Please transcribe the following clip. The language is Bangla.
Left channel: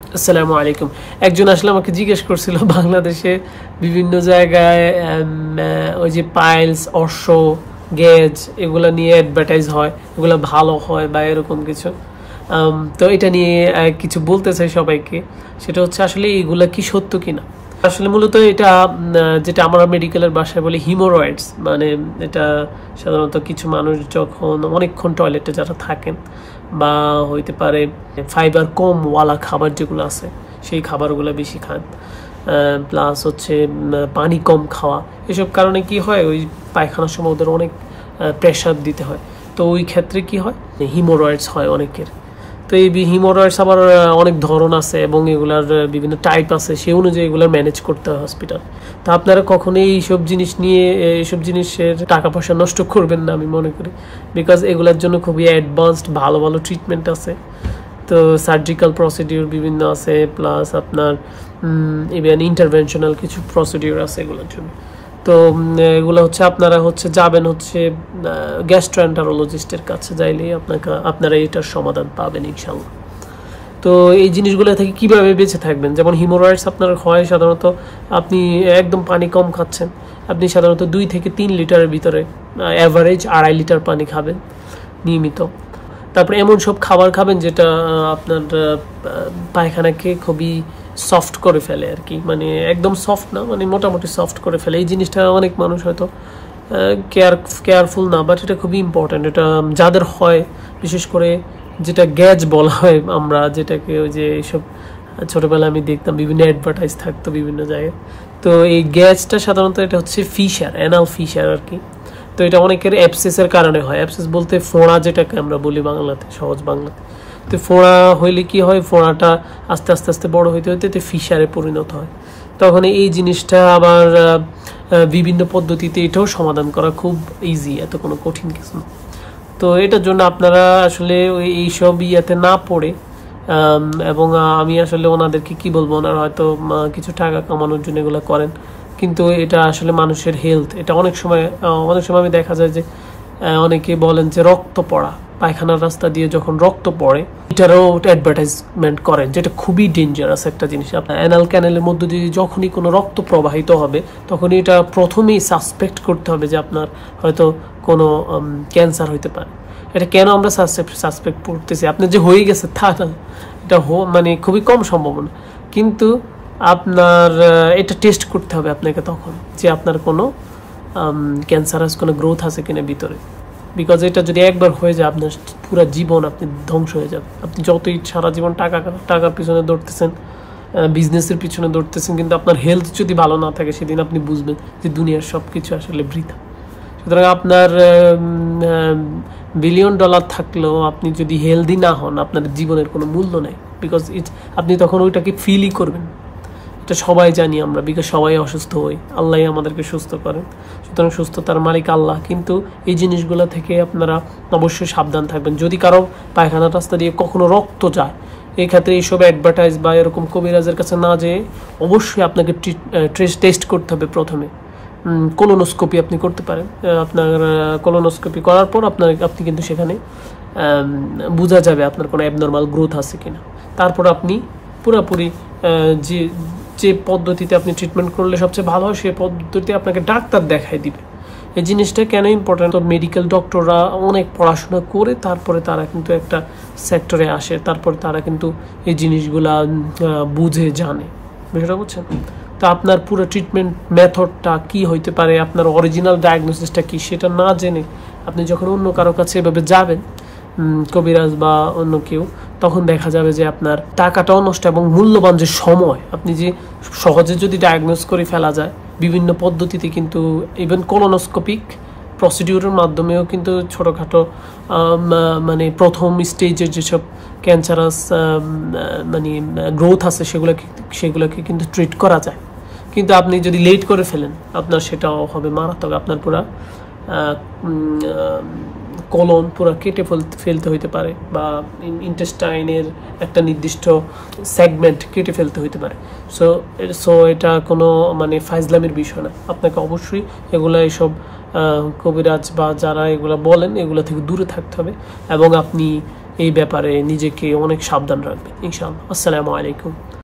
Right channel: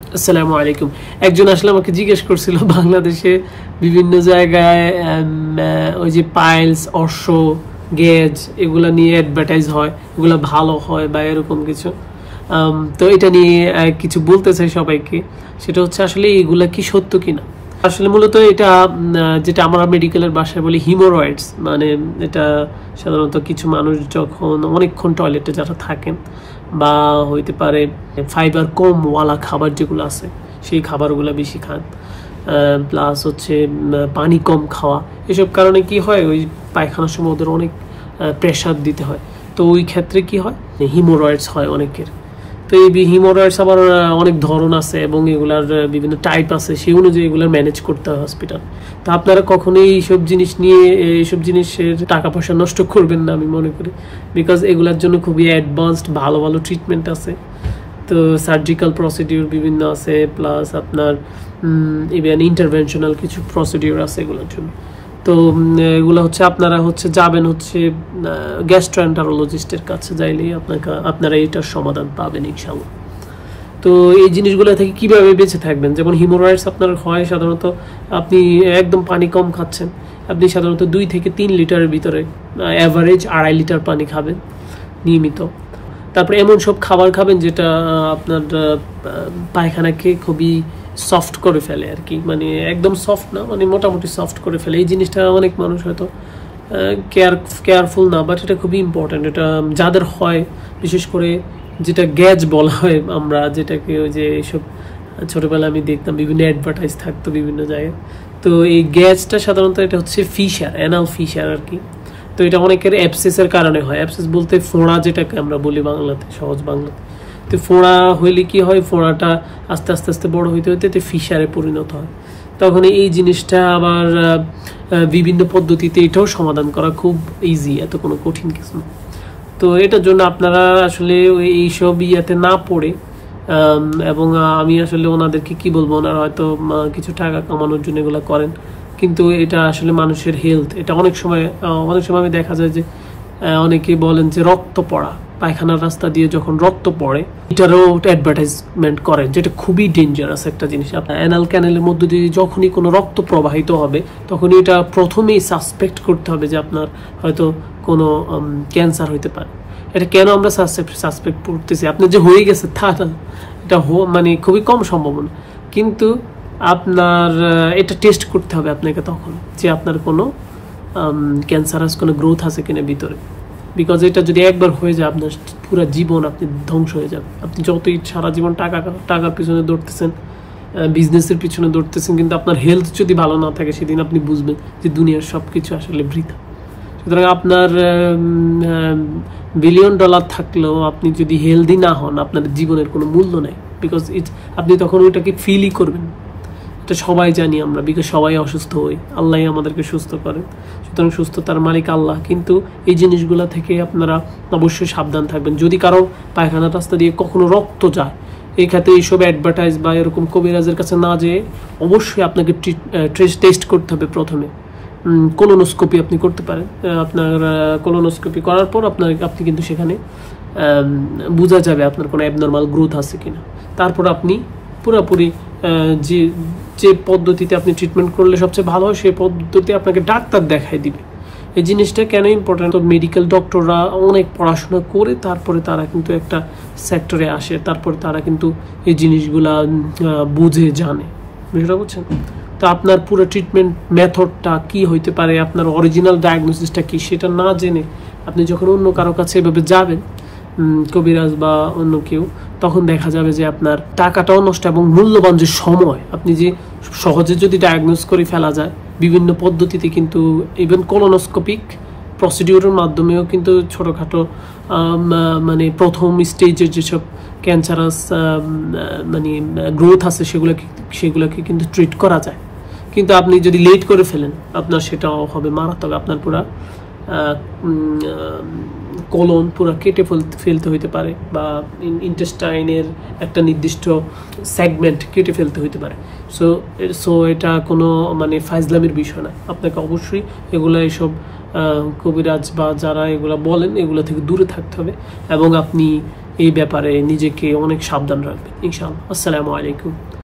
আসসালামু আলাইকুম। একজন আসলে আমাকে জিজ্ঞেস করছিল বাংলাদেশে বিভিন্ন জায়গায় ওই যে পাইলস, অর্শ, গেজ এগুলা নিয়ে অ্যাডভার্টাইজ হয়, এগুলা ভালো হয় বা এরকম কিছু। তো এটা নিয়ে কিছু বলতে চাই সবাইকে। সেটা হচ্ছে আসলে এগুলা কি সত্য কিনা। আসলে মূলত এটা যেটা আমরা মেডিকেলের ভাষায় বলি হিমোরয়েডস, মানে এটা সাধারণত কিছু মানুষ যখন অনেকক্ষণ টয়লেটে যারা থাকেন বা হইতে পারে ফাইবার কম ওয়ালা খাবার যেগুলো আছে সেই খাবারগুলো বেশি খান, প্লাস হচ্ছে পানি কম খাওয়া, এসব কারণে কি হয় ওই পায়খানার সময় ওদের অনেক প্রেশার দিতে হয়। তো ওই ক্ষেত্রে কি হয় হিমোরয়েডস হয় অনেকের। তো এই হিমোরয়েডস আবার অনেক ধরন আছে এবং এগুলার বিভিন্ন টাইপ আছে, সেই অনুযায়ী এগুলার ম্যানেজ করতে হয় হসপিটাল। তো আপনারা কখনোই এইসব জিনিস নিয়ে এইসব জিনিসের টাকা পয়সা নষ্ট করবেন না আমি মনে করি, বিকজ এগুলার জন্য খুবই অ্যাডভান্সড ভালো ভালো ট্রিটমেন্ট আছে। তো সার্জিক্যাল প্রসিডিউর বিভিন্ন আছে, প্লাস আপনার ইভেন ইন্টারভেনশনাল কিছু প্রসিডিউর আছে এগুলোর জন্য। তো এগুলো হচ্ছে আপনারা যাবেন গ্যাস্ট্রোএন্টারোলজিস্টের কাছে, যাইলেই আপনারা এটার সমাধান পাবেন ইনশাআল্লাহ। তো এই জিনিসগুলো থেকে কিভাবে বেঁচে থাকবেন, যেমন হিমোরয়েডস আপনার হয় সাধারণত আপনি একদম পানি কম খাচ্ছেন, আপনি সাধারণত 2 থেকে 3 লিটারের ভিতরে অ্যাভারেজ 2.5 লিটার পানি খাবেন নিয়মিত। তারপরে এমন সব খাবার খাবেন যেটা আপনার পায়খানাকে খুবই সফট করে ফেলে আর কি, মানে একদম সফট না, মানে মোটামুটি সফট করে ফেলে। এই জিনিসটা অনেক মানুষ হয়তো কেয়ারফুল না, বাট এটা খুবই ইম্পর্টেন্ট। এটা যাদের হয়, বিশেষ করে যেটা গ্যাজ বলা হয় আমরা যেটাকে, ওই যে এইসব ছোটবেলায় আমি দেখতাম বিভিন্ন অ্যাডভার্টাইজ থাকতো বিভিন্ন জায়গায়। তো এই গ্যাসটা সাধারণত এটা হচ্ছে ফিশার, অ্যানাল ফিশার আর কি। তো এটা অনেকের অ্যাবসেসের কারণে হয়। অ্যাবসেস বলতে ফোঁড়া, যেটাকে আমরা বলি বাংলাতে, সহজ বাংলাতে। তো ফোঁড়া হইলে কি হয়, ফোঁড়াটা আস্তে আস্তে আস্তে বড় হইতে হইতে ফিশারে পরিণত হয়। তখন এই জিনিসটা আবার বিভিন্ন পদ্ধতিতে এটাও সমাধান করা খুব ইজি, এত কোনো কঠিন কিছু না। তো এটার জন্য আপনারা আসলে এইসব ইয়াতে না পড়ে, এবং আমি আসলে ওনাদেরকে কি বলবো, ওনারা হয়তো কিছু টাকা কামানোর জন্য এগুলো করেন, কিন্তু এটা আসলে মানুষের হেলথ। এটা অনেক সময় আমি দেখা যায় যে অনেকে বলেন যে রক্ত পড়া, পায়খানার রাস্তা দিয়ে যখন রক্ত পড়ে এটারও অ্যাডভার্টাইজমেন্ট করেন, যেটা খুবই ডেঞ্জারাস একটা জিনিস। আপনার অ্যানাল ক্যানেলের মধ্য দিয়ে যখনই কোনো রক্ত প্রবাহিত হবে তখন এটা প্রথমেই সাসপেক্ট করতে হবে যে আপনার হয়তো কোনো ক্যান্সার হইতে পারে। এটা কেন আমরা সাসপেক্ট করতেছি, আপনার যে হয়ে গেছে তা না, এটা মানে খুবই কম সম্ভাবনা, কিন্তু আপনার এটা টেস্ট করতে হবে আপনাকে তখন যে আপনার কোনো ক্যান্সারাস কোনো গ্রোথ আছে কিনা ভিতরে। বিকজ এটা যদি একবার হয়ে যায় আপনার পুরো জীবন আপনি ধ্বংস হয়ে যাবে। আপনি যতই সারা জীবন টাকার পিছনে দৌড়তেছেন, বিজনেসের পিছনে দৌড়তেছেন, কিন্তু আপনার হেলথ যদি ভালো না থাকে সেদিন আপনি বুঝবেন যে দুনিয়ার সবকিছু আসলে বৃথা। সুতরাং আপনার $1 বিলিয়ন থাকলেও আপনি যদি হেলদি না হন আপনার জীবনের কোনো মূল্য নেই, বিকজ আপনি তখন ওইটাকে ফিলই করবেন। এটা সবাই জানি আমরা, বিকজ সবাই অসুস্থ হই, আল্লাহ আমাদেরকে সুস্থ করেন। সুতরাং সুস্থতার মালিক আল্লাহ। কিন্তু এই জিনিসগুলো থেকে আপনারা অবশ্যই সাবধান থাকবেন। যদি কারো পায়খানা রাস্তা দিয়ে কখনো রক্ত যায়, এই ক্ষেত্রে এইসব অ্যাডভার্টাইজ বা এরকম কবিরাজের কাছে না যেয়ে অবশ্যই আপনাকে টেস্ট করতে হবে প্রথমে। কোলোনোস্কোপি আপনি করতে পারেন। আপনার কোলোনোস্কোপি করার পর আপনি কিন্তু সেখানে বোঝা যাবে আপনার কোনো অ্যাবনর্মাল গ্রোথ আছে কিনা। তারপর আপনি পুরোপুরি যে পদ্ধতিতে আপনি ট্রিটমেন্ট করলে সবচেয়ে ভালো হয় সেই পদ্ধতি আপনাকে ডাক্তার দেখাই দিবে। এই জিনিসটা কেন ইম্পর্টেন্ট, মেডিকেল ডক্টররা অনেক পড়াশোনা করে তারপরে তারা কিন্তু একটা সেক্টরে আসে, তারপরে তারা কিন্তু এই জিনিসগুলা বুঝে জানে, বিষয়টা বুঝছেন। তো আপনার পুরো ট্রিটমেন্ট মেথডটা কি হইতে পারে, আপনার অরিজিনাল ডায়াগনোসিসটা কি, সেটা না জেনে আপনি যখন অন্য কারো কাছে এভাবে যাবেন, কবিরাজ বা অন্য কেউ, তখন দেখা যাবে যে আপনার টাকাটাও নষ্ট এবং মূল্যবান যে সময়, আপনি যে সহজে যদি ডায়াগনোস করে ফেলা যায় বিভিন্ন পদ্ধতিতে, কিন্তু ইভেন কোলোনোস্কোপিক প্রসিডিউরের মাধ্যমেও কিন্তু ছোটখাটো মানে প্রথম স্টেজের যেসব ক্যান্সারাস মানে গ্রোথ আছে সেগুলোকে কিন্তু ট্রিট করা যায়। কিন্তু আপনি যদি লেট করে ফেলেন আপনার সেটাও হবে মারাত্মক। আপনার পুরা কোলন পুরো কেটে ফেলতে হইতে পারে, বা ইন্টেস্টাইনের একটা নির্দিষ্ট সেগমেন্ট কেটে ফেলতে হইতে পারে। সো এটা কোনো মানে ফাইজলামের বিষয় না। আপনাকে অবশ্যই এইসব কবিরাজ বা যারা এগুলা বলেন এগুলা থেকে দূরে থাকতে হবে, এবং আপনি এই ব্যাপারে নিজেকে অনেক সাবধান রাখবেন ইনশাআল্লাহ। আসসালামু আলাইকুম।